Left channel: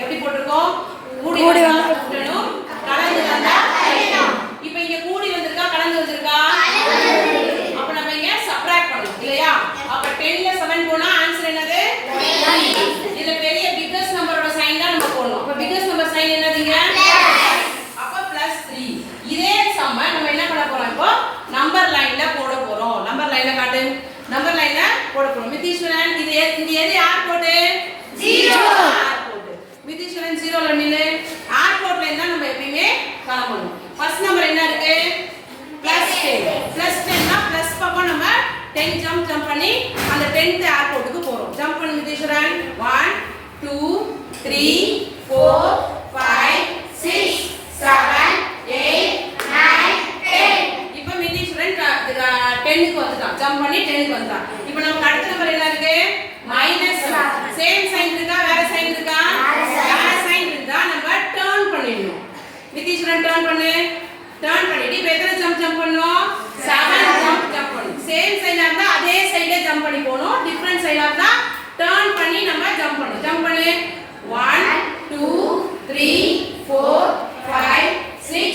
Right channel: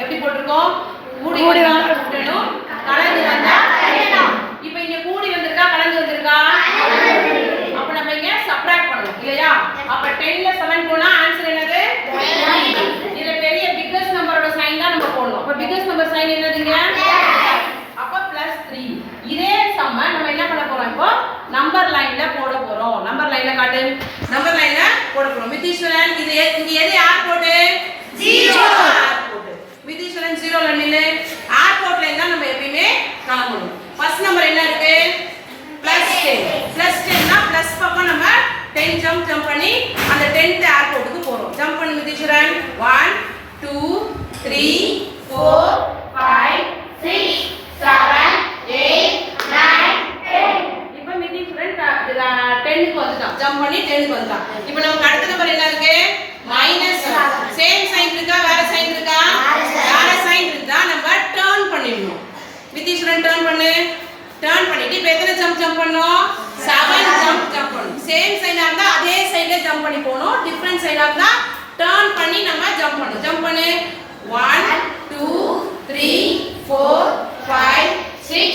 எப்படி போட்டுருக்கோம்? கூடி வந்தா கூட்டணும், கலந்து வந்தா கழிக்கணும். இப்போ இங்க கூடி வந்திருக்கா கலந்து வந்திருக்கா? அப்ப நம்ம இங்க சப்ட்ராக்ட் பண்ணணும் இல்லையா? அப்ப 10 ல 7 போனா ஆன்சர் என்னது? 3. இதுல பெரிய பிக்கஸ்ட் நம்பரோட சைன் தான் நம்ம போடணும். அப்ப பிக்கஸ்ட் நம்பர் சைன் என்னதுங்க? அப்ப +3. இதே சம்ம நம்ம என்ன பண்ண போறோம்? இப்போ நம்பர் லைன்ல போட போறோம். நம்பர் லைன்ல காட்டு. நம்பர் லைன்ல போட போறோம். மிதீஸ்வரன் இது இங்க எது ஏர்போர்ட்? 0 ஏர்போர்ட். மிதீஸ்வரன் 0 ல நில்லு. ஏர்போர்ட்ல இருந்தா நம்ம எப்பவுமே கிளம்பணும். ஃபர்ஸ்ட் நம்பர் என்ன இருக்கு? +10. +10 னா பிளஸ் பக்கம் நம்ம 10 ஜம்ப் பண்ணி அந்த 10th ஏர்போர்ட்டுக்கு போறோம். ஜம்ப் பண்ணு மிதீஸ்வரன். 1 2 3 4 5 6 7 8 9 10. இப்போ மிதீஸ்வரன் 10க்கு வந்துட்டான். ஜம்ப் பண்ணி 10க்கு வந்துட்டான். இப்போ நமக்கு அடுத்த நம்பர் என்ன இருக்கு? மைனஸ். சேம் சைன் இருக்கா வேற சைன் இருக்கா? வேற சைன் இருந்தா நம்ம டர்ன் பண்ணிடணும். மிதீஸ்வரன் டர்ன் பண்ணு. டர்ன் பண்ணிட்டு இப்போ எத்தனை ஜம்ப் பண்ணோம்? 7 ஜம்ப் பண்ணணும். சேம் சைனா இருந்தா அதே சைடுல ஜம்ப் பண்ணி போணும். டிஃபரண்ட் சைடா இருந்தா டர்ன் பண்ணி நம்ம ஜம்ப் பண்ணணும். ஜம்ப் பண்ணு. 1 2 3 4 5 6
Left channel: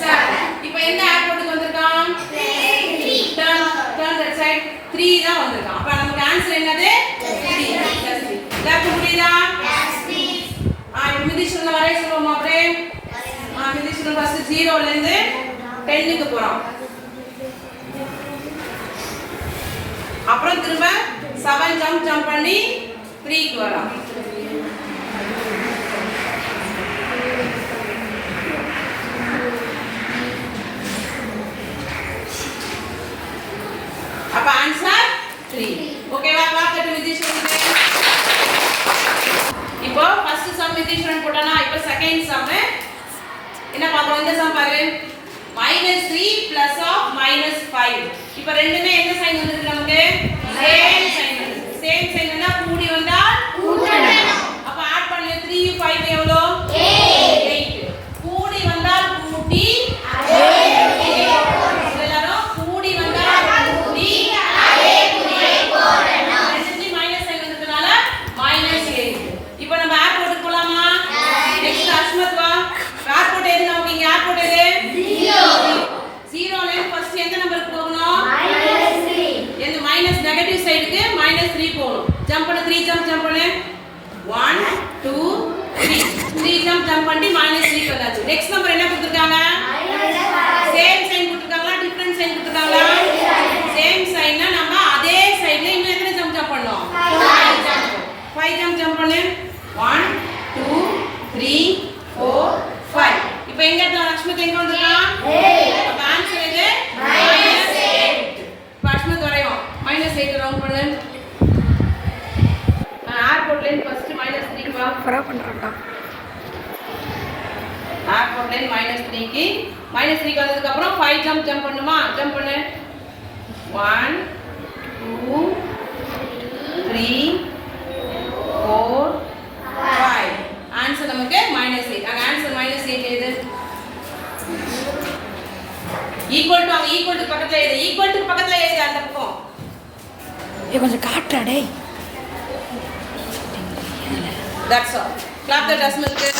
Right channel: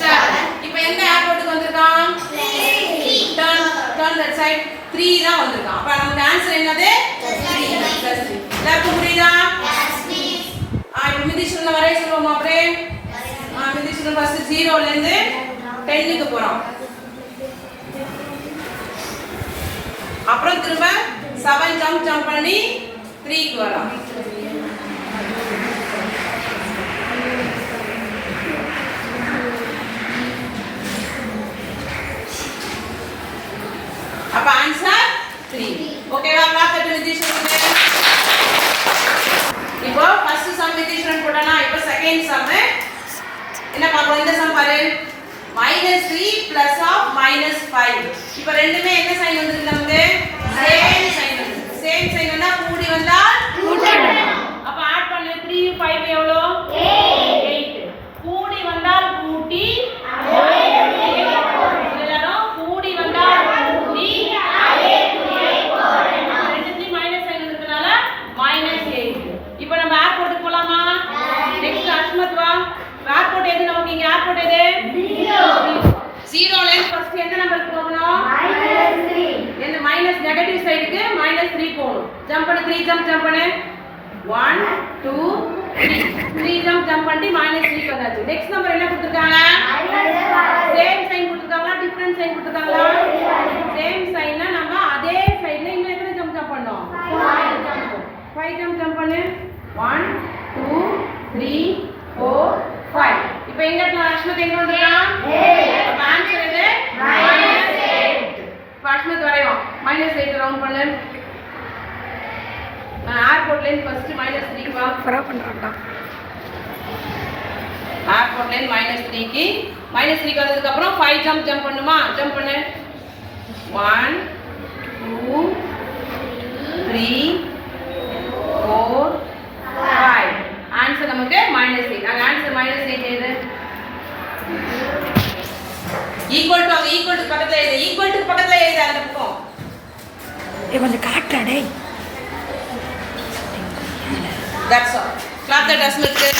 7. இப்போ எந்த ஏர்போர்ட்டுக்கு வந்திருக்கான்? 3. டர்ன் தட் சைடு 3 தான் வந்திருக்கான். அப்ப நமக்கு ஆன்சர் என்னது? 3. லெஃப்ட் புரியுதா? இப்போ மிதீஸ்வரன் வரைய சொல்லுவோமா அப்படியே? மிதீஸ்வரன் ஃபர்ஸ்ட் 0 ல இருந்து 10க்கு போறான். அப்புறம் திரும்ப 7 ஜம்ப் பண்ணி 3க்கு வரான். அப்ப ஆன்சர் 3. ஓகேவா? கிளாப் தட்டு மிதீஸ்வரனுக்கு. இப்போ ஃபர்ஸ்ட் சம் மிதீஸ்வரன் போட்டானா, இப்போ செகண்ட் சம் என்ன பாப்போம்? இந்த சம் பாரு. -3 +(-5). இப்போ ரெண்டுமே என்ன சைன் வந்திருக்கு நமக்கு? சேம் சைன் வந்திருக்கு. சேம் சைன் வந்தா கூடி வந்தா கூட்டணும். அப்ப ஆட் பண்ணு. 3 5 எவ்வளோ? 8. கூடி வந்தால் கூட்டி எல்லாரும் கூடி வந்தால் கூட்டி அதே குறியை போடணும். ரெண்டுலயும் மைனஸ் சைன் வந்ததுனால -8. இப்போ நம்ம ஏர்போர்ட்டுக்கு போலாமா? நெக்ஸ்ட் அஸ்மத் வா. ஏர்போர்ட் எது நமக்கு? இங்க ஏர்போர்ட் எது? 0 ல இருந்து ஃபர்ஸ்ட் எந்த நம்பருக்கு போகணும்? -3. இந்த மைனஸ் நெகட்டிவ் சைடுக்கு -3 போகணும். ஜம்ப் பண்ணு. 3 ஜம்ப் பண்ணு. 1 2 3. 3 ஜம்ப் பண்ணி -3 வந்தாச்சு. நெக்ஸ்ட் நம்பர் என்ன கொடுத்திருக்காங்க? சேம் சைன் கொடுத்திருக்காங்களா டிஃபரண்ட் சைன் கொடுத்திருக்காங்களா? சேம் சைன்னா நம்ம அதே சைடுல இன்னும் எத்தனை ஜம்ப் பண்ணோம்? 5 ஜம்ப் பண்ணு. 1 2 3 4 5. இப்போ எங்க இடத்துல அஸ்மத் எங்க வந்திருக்கான்? அப்ப ஆன்சர் இது -8. இப்போ அஸ்மத் வரையும் -8 ரவுண்ட் பண்ணு. ஏர்போர்ட்ல இருந்து ஃபர்ஸ்ட் -3 வா. பரா பண்றான்டா. ஏர்போர்ட்ல இருந்து -3க்கு -3க்கு வந்ததுக்கு அப்புறம் 5 ஜம்ப் பண்ணுமா? ஜம்ப் பண்ணு. 1 2 3 4 5. ஆன்சர் நமக்கு -8. அங்க ஆன்சர் -8 எது? ஈக்குவல் டு பக்கத்துல எழுது. ஈக்குவல் டு பக்கத்துல எழுது அந்த பக்கம். கொஞ்சம் காட்டுறா டேய். That's all. Clap the Asmith.